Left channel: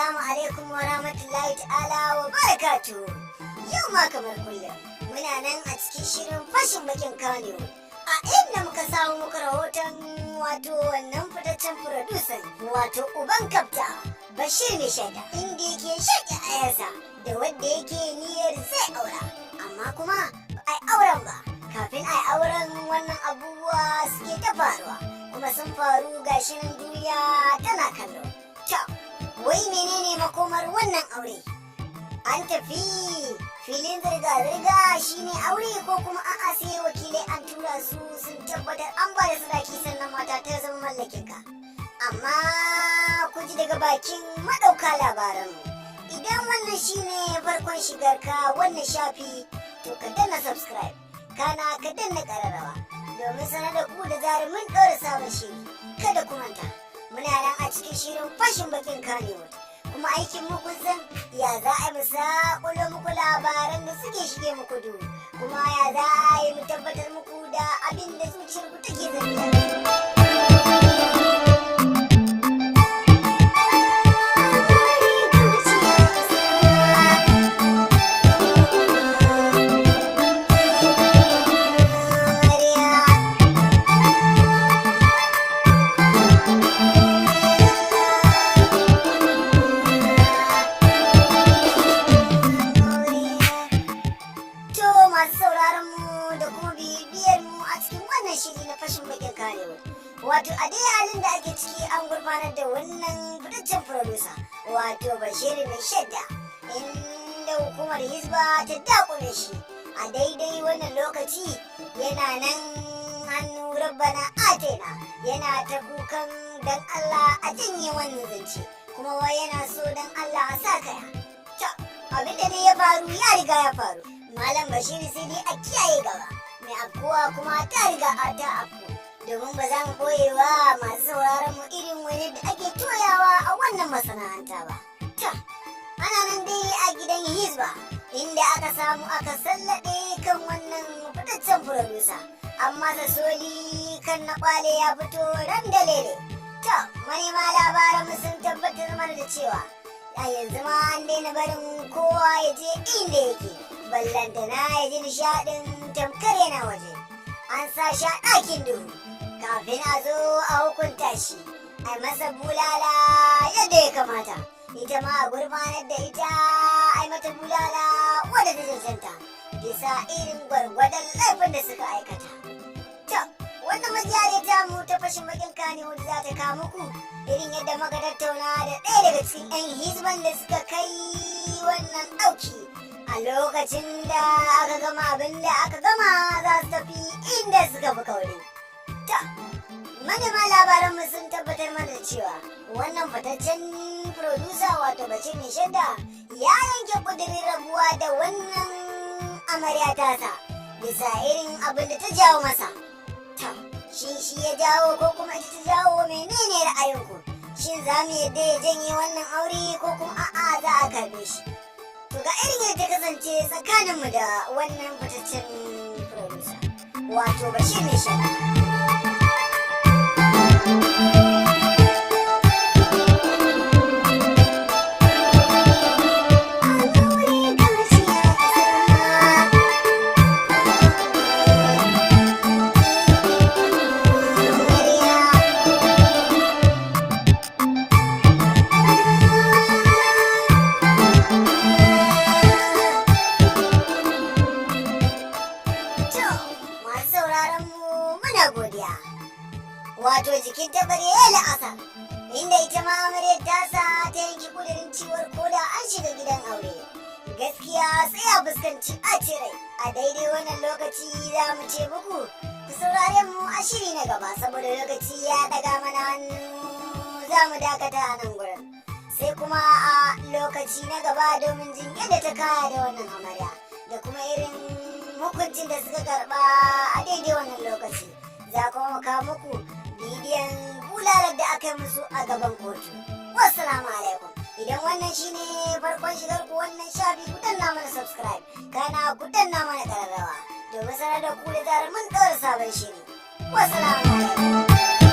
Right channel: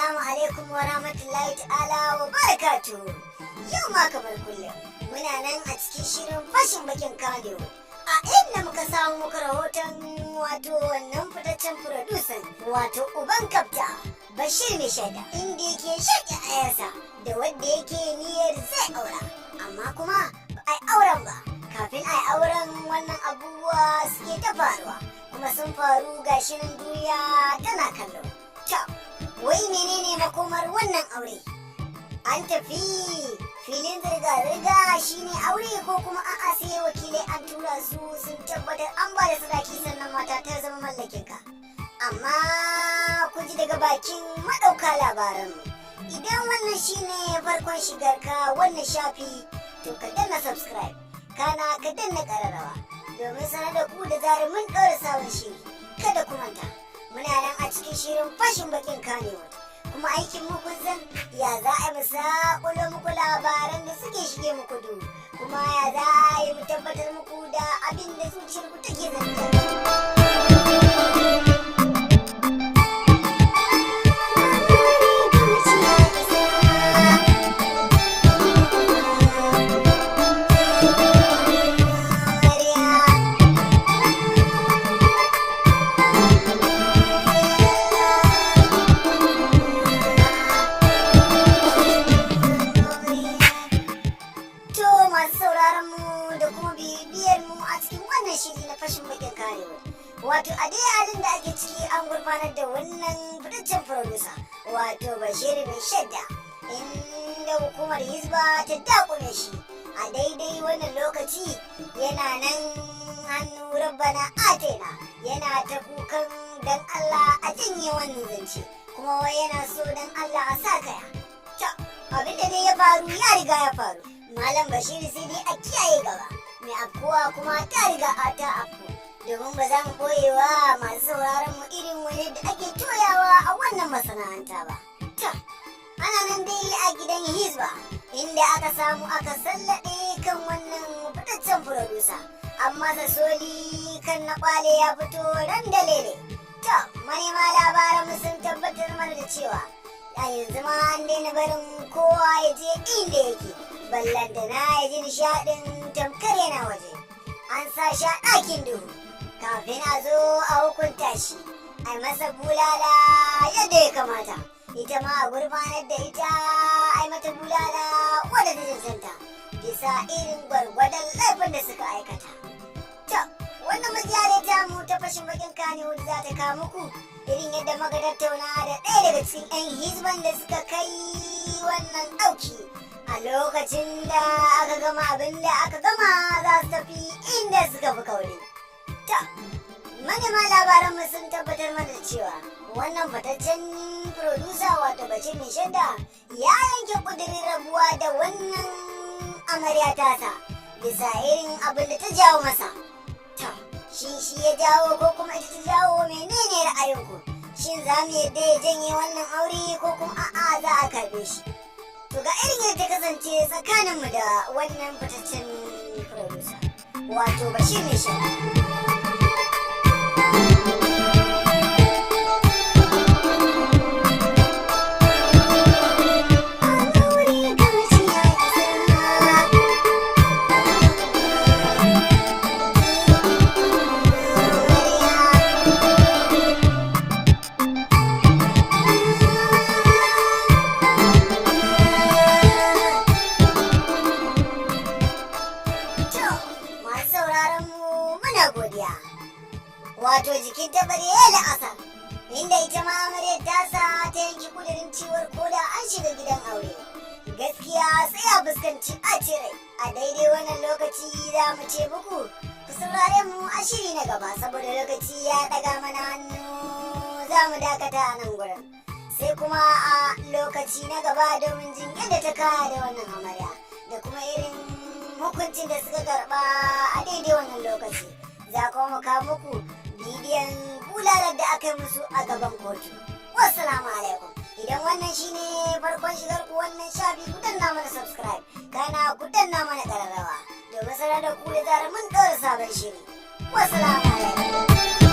Assalamu alaikum wa rahmatullahi ta'ala wa barakatuhu. Yau ma kamar kullum muna nan a cikin shirin fashin bakin Kannywood. A inda muka samu muka rahoton wato wannan fitaccen furodusan wato uban kafta Bashir Mai Shadda, inda yake shaƙi ayarsa da wanda yake niyyar zai aura, amma kuma ba ai auren ba. Kafin ai auren wannan abubuwa suke ta faruwa, kuma sun faru gashi nan duniya tana kallo. Wai menene makomar wannan aure? An tafi filin zirga-zirga shine aure ko kuma a'a sai wakilai an tura su sun tabbatar an ba da sadaki sannan mata ta zama mallakinka? Amma ku ji daga bakin madauka labaranmu. Idan wannan shine farkon shigarka wannan shafi, to ka danna subscribe, kana ka danna kararrawa domin sanar da ku da zarar mun ɗora sabon shiri. Kada ku manta, muna nan a cikin shirin fashin bakin Kannywood, kuma aikin mu kun san ya za a mu saƙulo muku labaran da suke shige muku duhu, kuma ya za a yi mu tabbatar muku da abin da zuciyar ku take zanta. Shiri na fashin bakin Kannywood, wato a dai halin da ake ciki an gurfanar da wannan fitaccen furodusa wato Bashir Mai Shadda, inda hukumar Hizba ta dakule shi a daidai wannan lokaci. Yana nan hannu rabbana atena, yana ta kukan dan Allah a janye wannan zance, kuma wai yana so dan Allah a sa kaya. Abinda dai ya faru ya riga ya faru, Malam Bashir sai dai a kiyaye gaba. Mai afkuwa kuma ta riga a ta afku, domin ba za mu boyewa masu sauraron mu irin wani da ake toyawa a wannan masana'anta ba. Ana nan dai a gidan Hizba, inda aka samu aka sallaɗe kan wannan fitaccen furodusa, amma da soli kan na kwale ya fito ran da lele. Manema labaran mu sun tabbatar mana da cewa a yanzu ma an daina barin kowa ya je inda yake, ballantana ya ji nishaɗin tamkar yana waje. An sa shi a ɗakin duhu kafin a zo a hukunta shi, a masa bulala yadda ya kamata, ita ma a gurfanar da ita a mata bulala wadda ta cancanta bisa irin gwargwadon laifin da suka aikata. Wannan majiyar ta mu ta fashin bakin Kannywood za ta kawo muku irin yadda muka tattauna da ɗaya daga cikin 'yan hizban da suka kai wannan ɗauki a lokacin da aka gama abin da aka gama za su tafi inda suka fi kauri. Manema labaran mu sun tabbatar mana da cewa wannan fitaccen furodusa wato Bashir Mai Shadda ya yanke kudirin rabuwa da wannan amarya tasa bisa irin abin da ta jawo masa. Shi ya jawo ko kuma ita ta jawo? Menene ra'ayinku? Shin za mu yadda ya janye wannan aure ko kuma a'a za a karbe shi? To ga irin yadda kasance tsakaninmu da wannan fitaccen furodusa wato Bashir Mai Shadda. Wato jikin ta bare ya la'asar, inda ita ma amaryar tasa ta yanki kudirin ciwar koda an shiga gidan aure, gaskiya sai a fuskanci ɓacin rai. A daidai wannan lokaci za mu ce muku ku saurare mu a shiri na gaba, saboda lokaci ya ɗaga mana hannu za mu dakata a nan gurin, sai kuma a lokaci na gaba domin jin yadda ta kaya da wannan amarya da kuma irin hukuncin da suka karɓa a daidai wannan lokaci. Za kuma mu kawo muku bidiyon bulalar da aka yi musu a gaban kotu. Wassalamu alaikum. Idan wannan shine farkon shigar ku wannan shafi, ku danna mana subscribe, kana ku danna mana kararrawa domin sanar da ku da zarar mun ɗora sabon shiri. Wassalamu alaikum.